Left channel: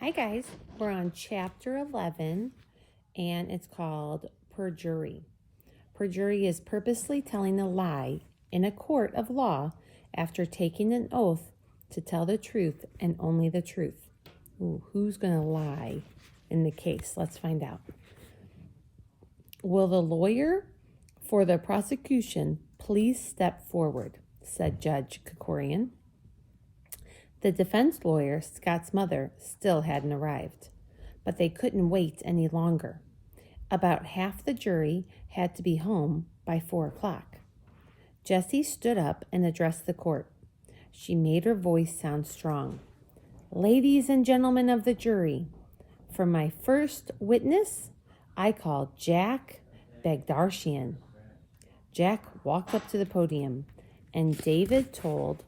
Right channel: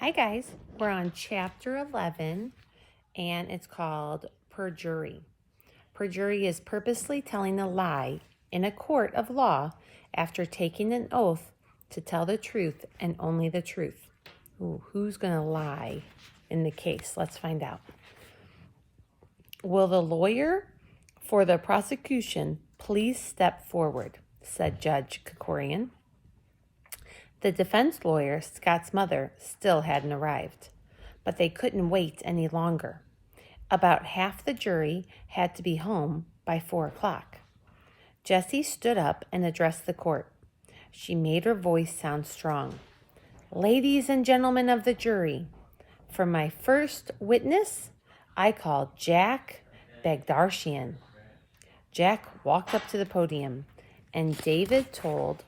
Hi guys, we're on chapter 11 and it's called perjury. Perjury is purposely telling a lie in a court of law after taking an oath to tell the truth and only the truth. Ooh, who's going to lie in the case? Let's find out. Will the lawyer for the prosecution please step forward, said Judge Krikorian. The defense lawyer, Scott's mother, still hadn't arrived, but they couldn't wait any longer. About half the jury had to be home by 4 o'clock. Jessie stood up and addressed the court. She made her voice sound strong. Ladies and gentlemen of the jury, for my first witness, I call Jack Bagdarshian. Jack walked up to the podium, and David told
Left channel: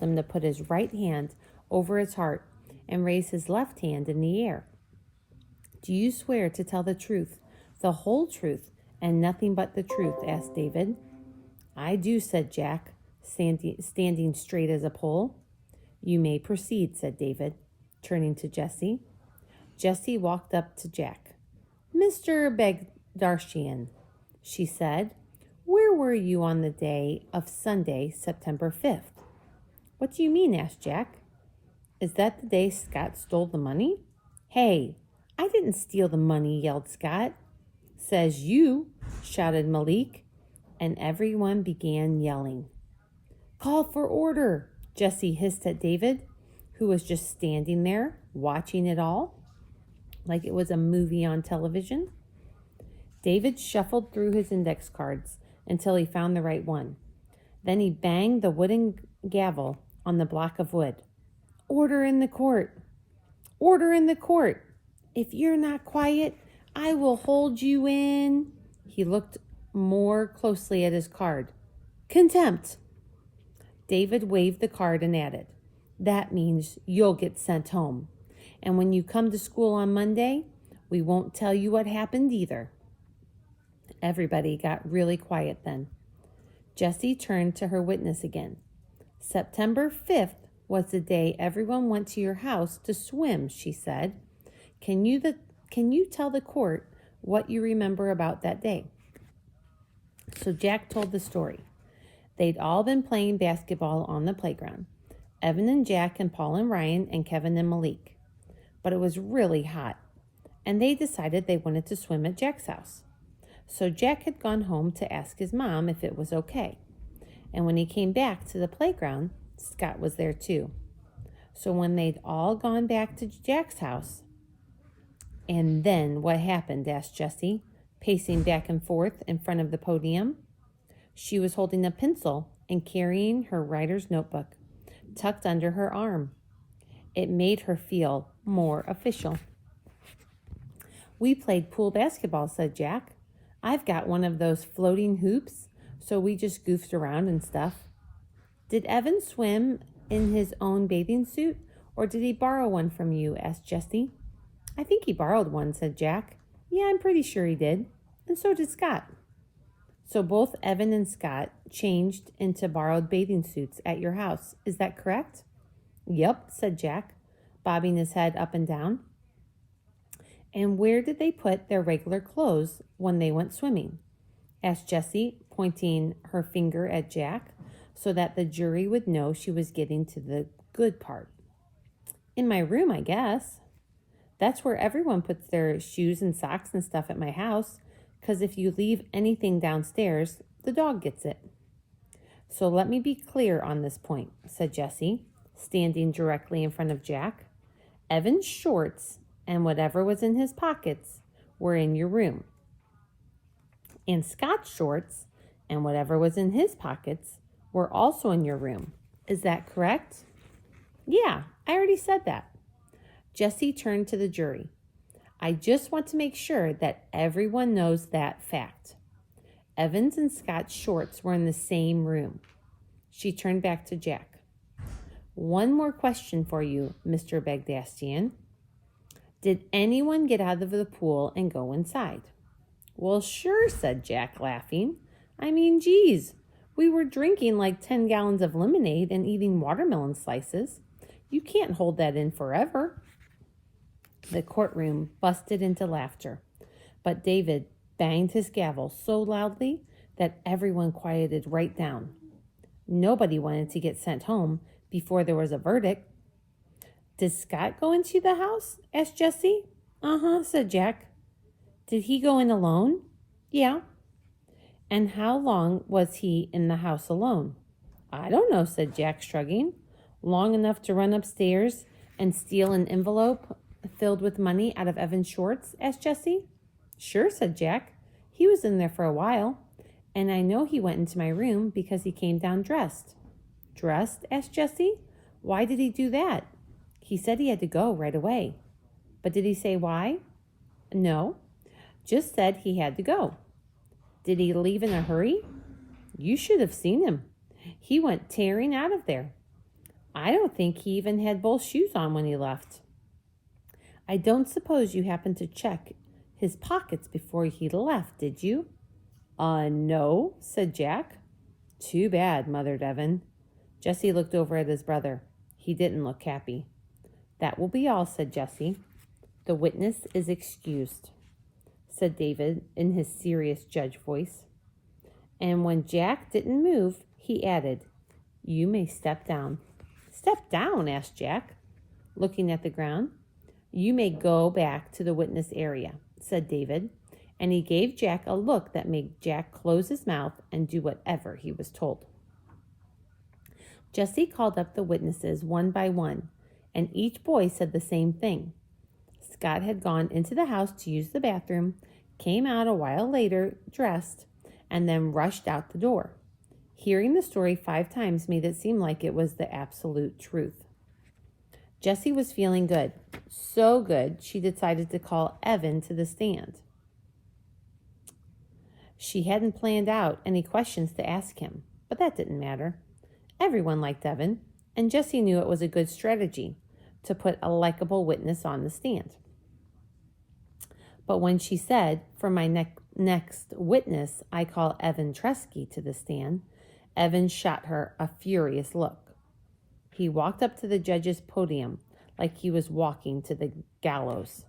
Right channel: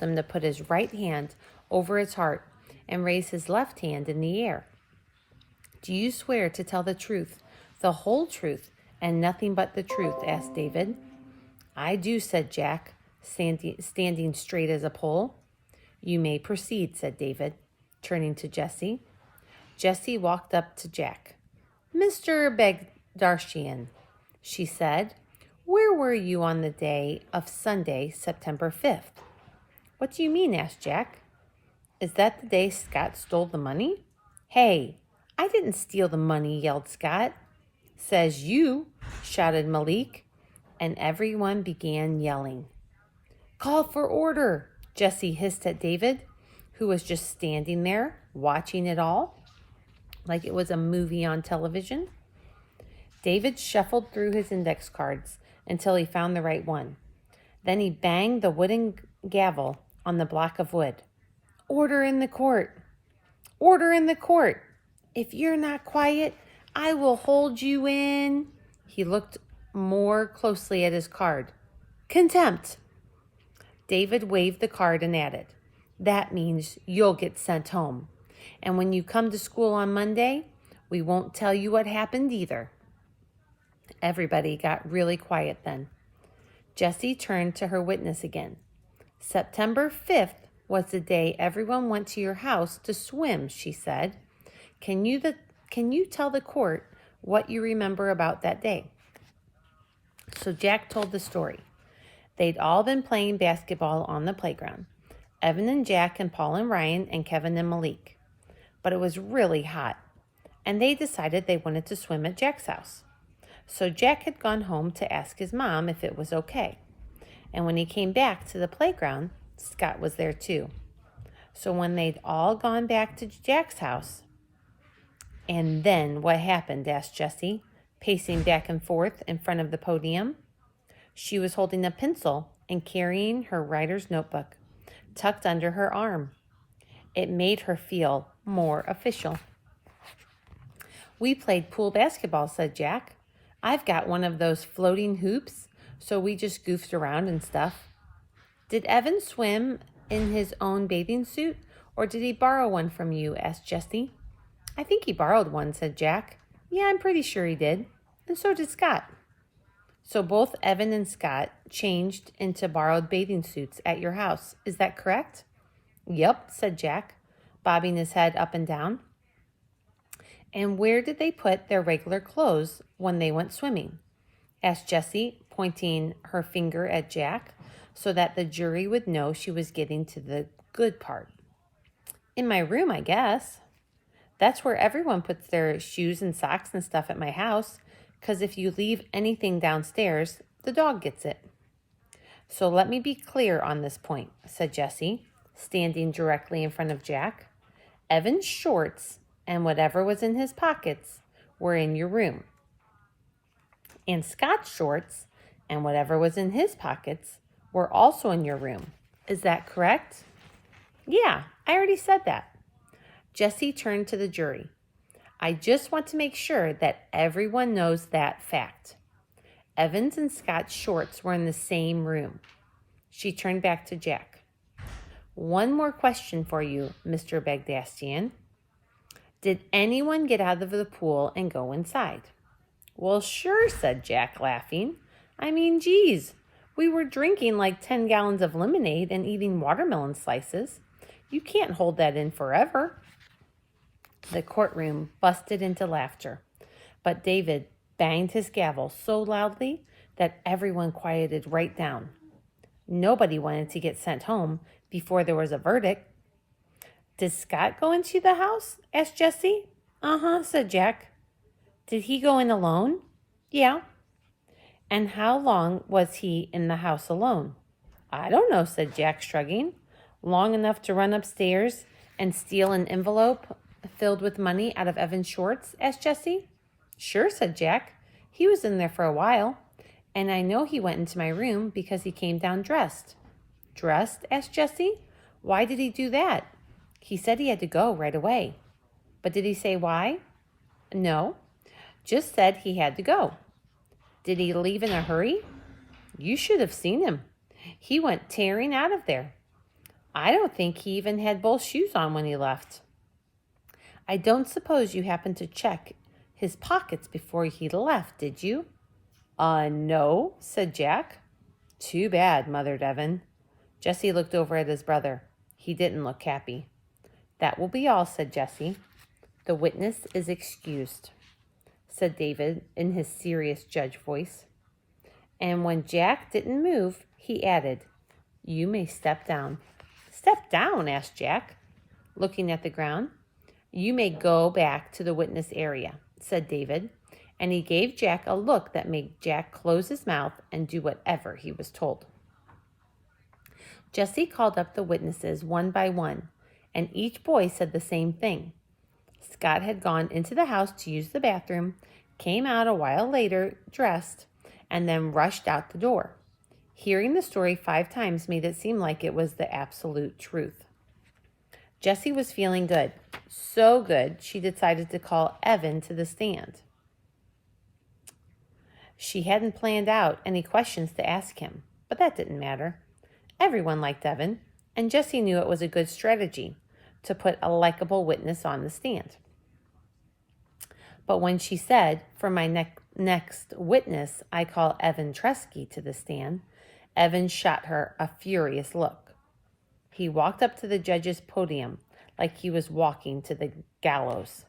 him to put his right hand over his heart and raise his left hand in the air. Do you swear to tell the truth, the whole truth, and nothing but the truth? Asked David. I do, said Jack, standing straight as a pole. You may proceed, said David, turning to Jessie. Jessie walked up to Jack. Mr. Bagdarshian, she said, where were you on the day of Sunday, September 5th? What do you mean? Asked Jack. Is that the day Scott stole the money? Hey, I didn't steal the money, yelled Scott. Says you, shouted Malik, and everyone began yelling. Call for order, Jessie hissed at David, who was just standing there watching it all like it was a movie on television. David shuffled through his index cards until he found the right one. Then he banged the wooden gavel on the block of wood. Order in the court! Order in the court! If you're not quiet, I will hold you in. He looked more closely at his card. Contempt! David waved the card and added, that means you'll get sent home. And when you come to school on Monday, we won't tell you what happened either. Everybody got really quiet then. Jessie turned to her witness again. September 5th was the day everyone went to your house to swim, she said. Can you tell the court what you remember about that day? So Jack told the story. They'd all been playing basketball on the playground. Evan and Jack and Paul and Ryan and Kevin and Malik. But it was really hot, and they decided they wanted to swim at Jack's house. So Jack had gone home to ask his mom if it was okay. And when he came back to the playground, Scott was there too. So when they'd all gone back to Jack's house, and then what happened? Asked Jessie, pacing back and forth in front of the podium. She was holding a pencil and carrying her writer's notebook tucked under her arm. It made her feel more official. We played pool basketball, said Jack. I've got one of those floating hoops, so we just goofed around and stuff. Did Evan swim in his own bathing suit, or did he borrow one from you? Asked Jessie. I think he borrowed one, said Jack. Yeah, I'm pretty sure he did. And so did Scott. So both Evan and Scott changed into borrowed bathing suits at your house. Is that correct? Yep, said Jack, bobbing his head up and down. And where did they put their regular clothes when they went swimming? Asked Jessie, pointing her finger at Jack so that the jury would know she was getting to the good part. In my room, I guess. That's where everyone puts their shoes and socks and stuff at my house, because if you leave anything downstairs, the dog gets it. So let me be clear on this point, said Jessie, standing directly in front of Jack. Evan's shorts and whatever was in his pockets were in your room. And Scott's shorts and whatever was in his pockets were also in your room. Is that correct? Yeah, I already said that. Jessie turned to the jury. I just want to make sure that everyone knows that fact. Evan's and Scott's shorts were in the same room. She turned back to Jack. One more question for you, Mr. Bagdastian. Did anyone get out of the pool and go inside? Well, sure, said Jack, laughing. I mean, geez, we were drinking like 10 gallons of lemonade and eating watermelon slices. You can't hold that in forever." The courtroom busted into laughter, but David banged his gavel so loudly that everyone quieted right down. Nobody wanted to get sent home before there was a verdict. "Did Scott go into the house?" asked Jessie. "Uh-huh," said Jack. "Did he go in alone?" "Yeah." "And how long was he in the house alone?" "I don't know," said Jack, shrugging. "Long enough to run upstairs and steal an envelope filled with money out of Evan Short's?" asked Jessie. "Sure," said Jack. "He was in there for a while, and I know he went into my room because he came down dressed." "Dressed?" asked Jessie. "Why did he do that?" "He said he had to go right away." "But did he say why?" "No, just said he had to go." "Did he leave in a hurry?" "You should have seen him. He went tearing out of there. I don't think he even had both shoes on when he left." "I don't suppose you happened to check his pockets before he left, did you?" No," said Jack. "Too bad," muttered Evan. Jessie looked over at his brother. He didn't look happy. "That will be all," said Jessie. "The witness is excused," said David in his serious judge voice. And when Jack didn't move, he added, "You may step down." "Step down?" asked Jack, looking at the ground. "You may go back to the witness area," said David, and he gave Jack a look that made Jack close his mouth and do whatever he was told. Jessie called up the witnesses one by one, and each boy said the same thing. Scott had gone into the house to use the bathroom, came out a while later dressed, and then rushed out the door. Hearing the story 5 times made it seem like it was the absolute truth. Jessie was feeling good, so good she decided to call Evan to the stand. She hadn't planned out any questions to ask him, but that didn't matter. Everyone liked Evan, and Jessie knew it was a good strategy to put a likable witness on the stand. But when she said, "For my next witness, I call Evan Tresky to the stand," Evan shot her a furious look. He walked up to the judge's podium like he was walking to the gallows.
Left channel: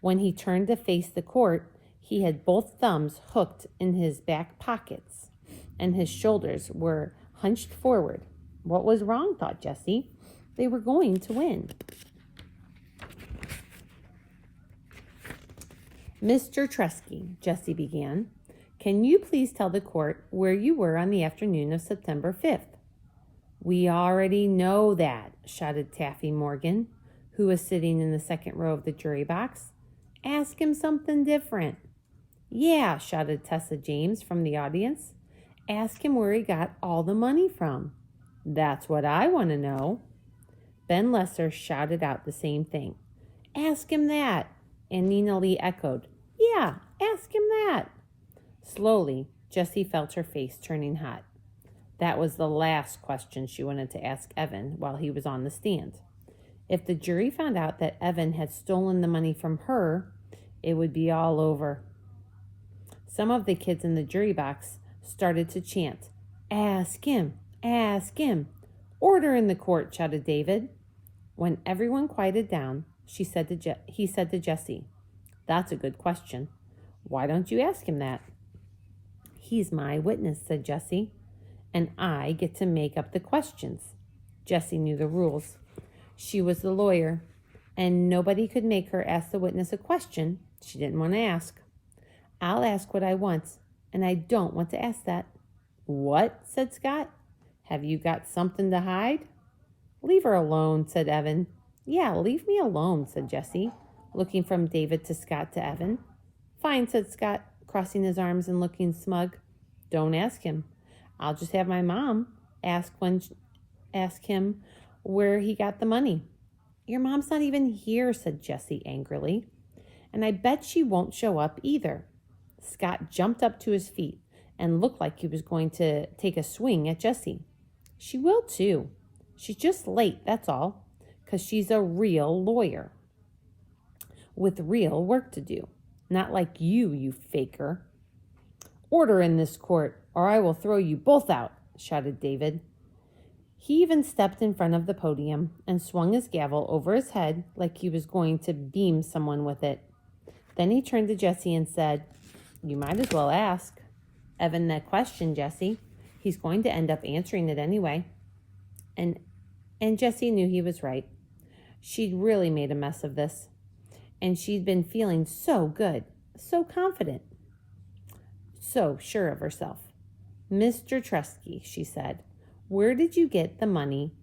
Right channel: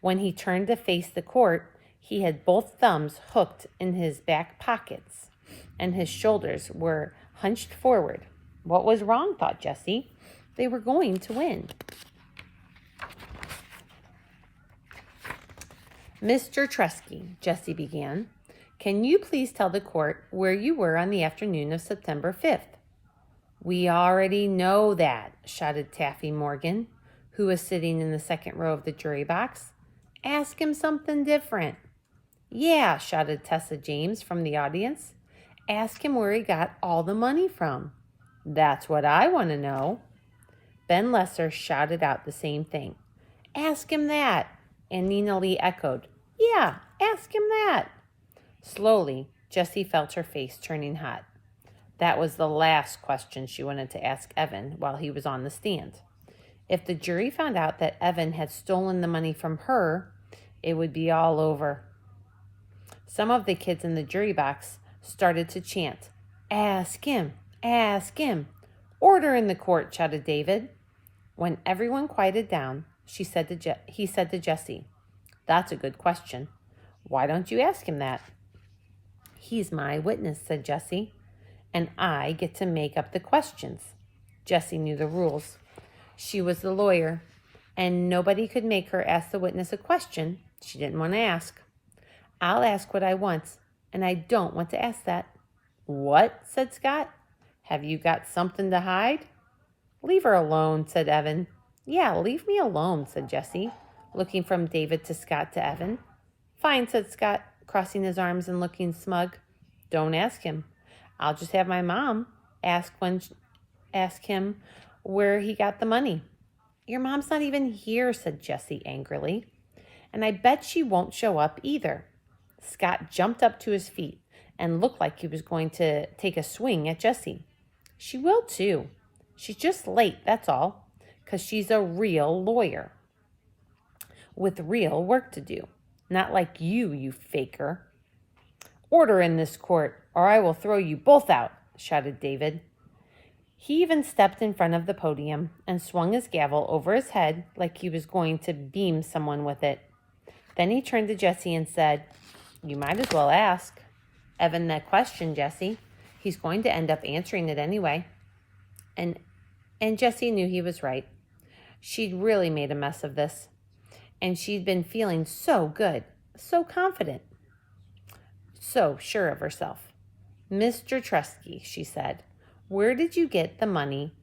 When he turned to face the court, he had both thumbs hooked in his back pockets, and his shoulders were hunched forward. What was wrong, thought Jessie. They were going to win. "Mr. Tresky," Jessie began, "can you please tell the court where you were on the afternoon of September 5th? "We already know that," shouted Taffy Morgan, who was sitting in the second row of the jury box. "Ask him something different." "Yeah," shouted Tessa James from the audience. "Ask him where he got all the money from." "That's what I want to know." Ben Lesser shouted out the same thing. "Ask him that." And Nina Lee echoed, "Yeah, ask him that." Slowly, Jessie felt her face turning hot. That was the last question she wanted to ask Evan while he was on the stand. If the jury found out that Evan had stolen the money from her, it would be all over. Some of the kids in the jury box started to chant, "Ask him, ask him." "Order in the court," shouted David. When everyone quieted down, he said to Jessie, "That's a good question. Why don't you ask him that?" "He's my witness," said Jessie, "and I get to make up the questions." Jessie knew the rules. She was the lawyer, and nobody could make her ask the witness a question she didn't want to ask. "I'll ask what I want, and I don't want to ask that." "What?" said Scott. "Have you got something to hide?" "Leave her alone," said Evan. "Yeah, leave me alone," said Jessie, looking from David to Scott to Evan. "Fine," said Scott, crossing his arms and looking smug. "Don't ask him. I'll just have my mom ask him where he got the money." "Your mom's not even here," said Jessie angrily. "And I bet she won't show up either." Scott jumped up to his feet and looked like he was going to take a swing at Jessie. "She will too. She's just late, that's all, 'cause she's a real lawyer with real work to do. Not like you faker." "Order in this court, or I will throw you both out," shouted David. He even stepped in front of the podium and swung his gavel over his head like he was going to beam someone with it. Then he turned to Jesse and said, "You might as well ask Evan that question, Jesse. He's going to end up answering it anyway." And Jesse knew he was right. She'd really made a mess of this, and she'd been feeling so good, so confident, so sure of herself. "Mr. Tresky," she said, "where did you get the money,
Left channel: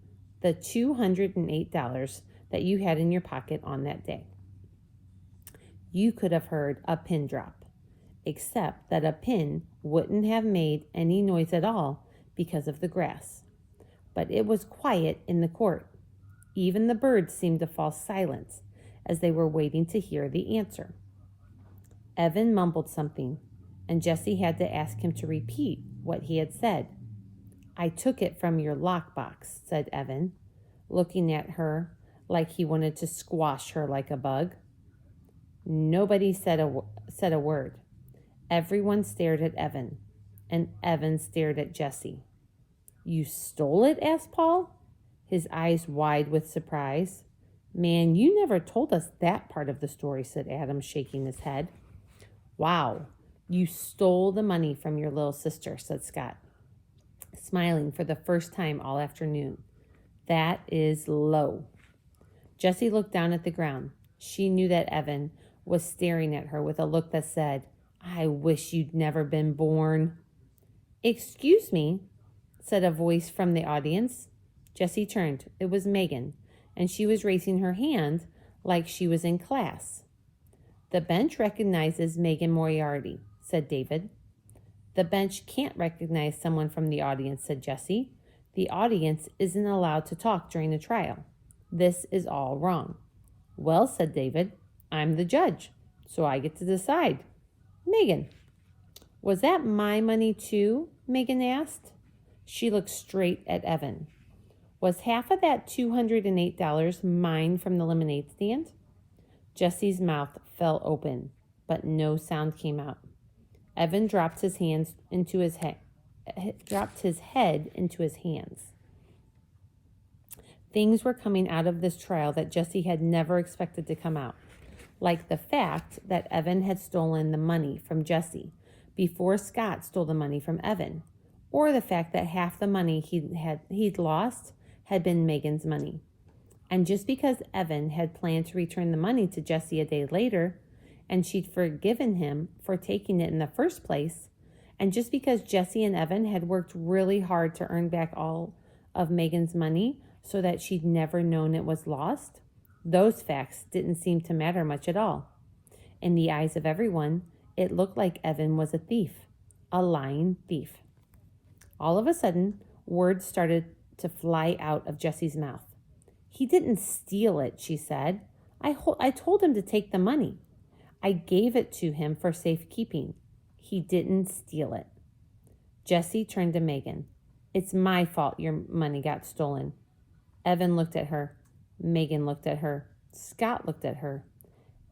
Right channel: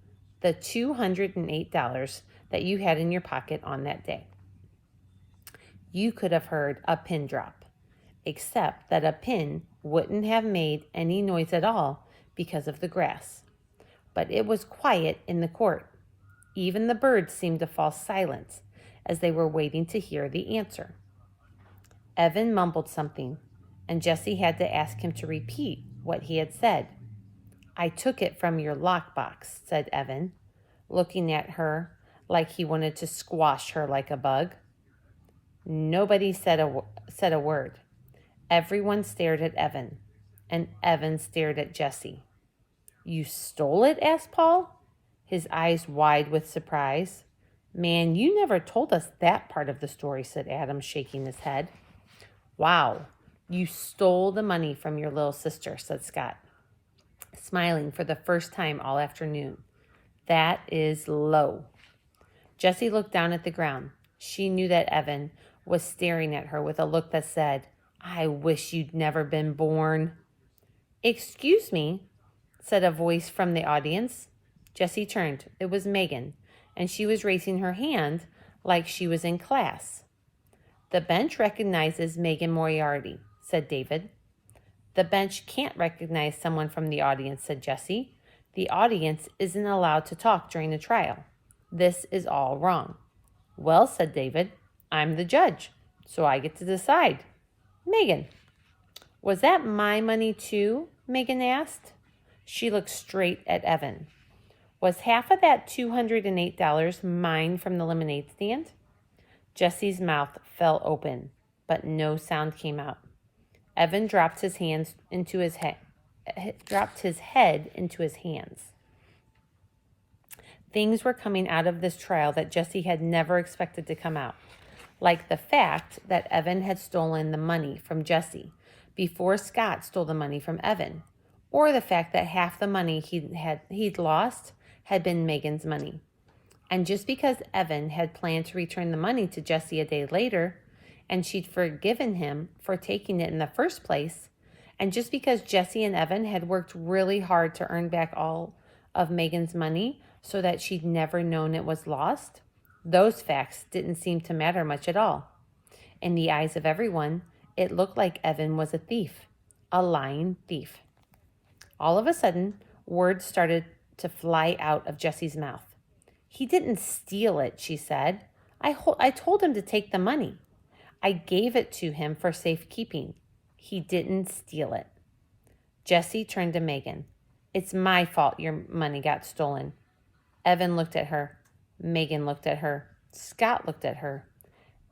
the $208 that you had in your pocket on that day?" You could have heard a pin drop, except that a pin wouldn't have made any noise at all because of the grass. But it was quiet in the court. Even the birds seemed to fall silent as they were waiting to hear the answer. Evan mumbled something, and Jesse had to ask him to repeat what he had said. "I took it from your lockbox," said Evan, looking at her like he wanted to squash her like a bug. Nobody said a word. Everyone stared at Evan, and Evan stared at Jesse. "You stole it?" asked Paul, his eyes wide with surprise. "Man, you never told us that part of the story," said Adam, shaking his head. "Wow, you stole the money from your little sister," said Scott, smiling for the first time all afternoon. "That is low." Jessie looked down at the ground. She knew that Evan was staring at her with a look that said, "I wish you'd never been born." "Excuse me," said a voice from the audience. Jessie turned. It was Megan, and she was raising her hand like she was in class. "The bench recognizes Megan Moriarty," said David. "The bench can't recognize someone from the audience," said Jessie. "The audience isn't allowed to talk during the trial. This is all wrong." "Well," said David, "I'm the judge, so I get to decide." "Megan." "Was that my money too?" Megan asked. She looked straight at Evan. "Was half of that $208 mine from the lemonade stand?" Jesse's mouth fell open, but no sound came out. Evan dropped his head into his hands. Things were coming out of this trial that Jesse had never expected to come out, like the fact that Evan had stolen the money from Jesse before Scott stole the money from Evan, or the fact that half the money he'd lost had been Megan's money. And just because Evan had planned to return the money to Jesse a day later, and she'd forgiven him for taking it in the first place, and just because Jesse and Evan had worked really hard to earn back all of Megan's money so that she'd never known it was lost, those facts didn't seem to matter much at all. In the eyes of everyone, it looked like Evan was a thief, a lying thief. All of a sudden, words started to fly out of Jesse's mouth. "He didn't steal it," she said. I told him to take the money. I gave it to him for safekeeping. He didn't steal it." Jesse turned to Megan. "It's my fault your money got stolen." Evan looked at her. Megan looked at her. Scott looked at her.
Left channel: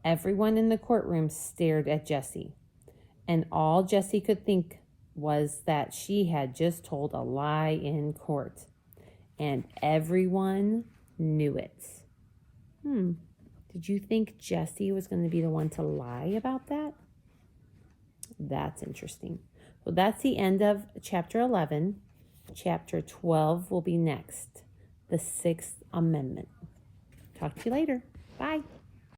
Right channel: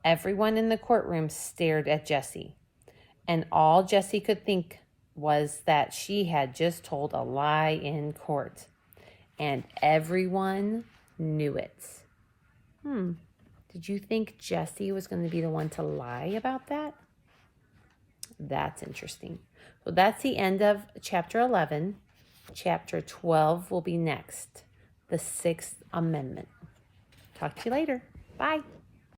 Everyone in the courtroom stared at Jesse. And all Jesse could think was that she had just told a lie in court. And everyone knew it. Did you think Jesse was going to be the one to lie about that? That's interesting. So that's the end of chapter 11. Chapter 12 will be next. The Sixth Amendment. Talk to you later. Bye.